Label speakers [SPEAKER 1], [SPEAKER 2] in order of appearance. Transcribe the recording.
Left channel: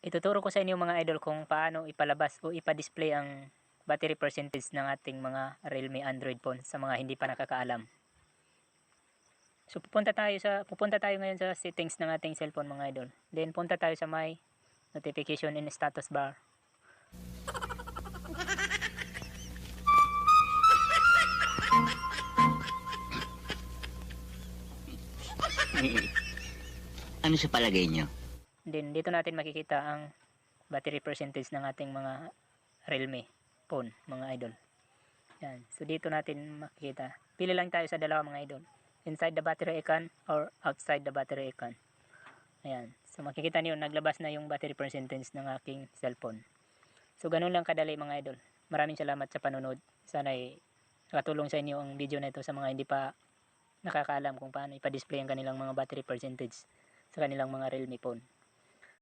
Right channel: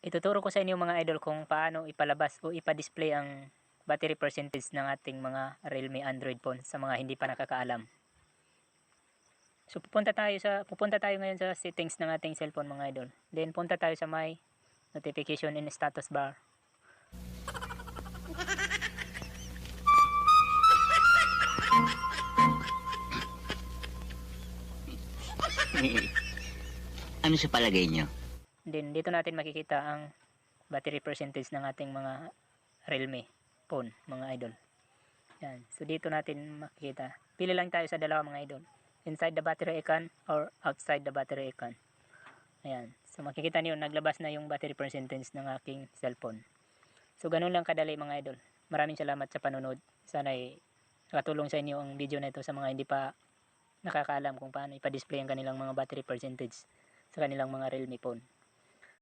[SPEAKER 1] Ituturo ko sa inyo mga idol kung paano ipalabas o ipa-display ang battery percentage ng ating mga Realme Android phone sa mga hindi pa nakakaalam. So pupunta tayo sa pupunta tayo ngayon sa settings ng ating cellphone mga idol. Then punta tayo sa my notification and status bar.
[SPEAKER 2] Ano sa palagay niyo?
[SPEAKER 1] Then dito natin makikita ang battery percentage ng ating mga Realme phone mga idol. Yan. So dito natin makikita. Pili lang tayo sa dalawa mga idol. Inside the battery icon or outside the battery icon. Ayan. So makikita niyo naglabas na yung battery percentage ng aking cellphone. So ganun lang kadali mga idol. Maraming salamat sa panonood. Sana ay nakatulong sa inyo ang video na ito sa mga hindi pa nakakaalam kung paano ipa-display ang kanilang mga battery percentage sa kanilang mga Realme phone.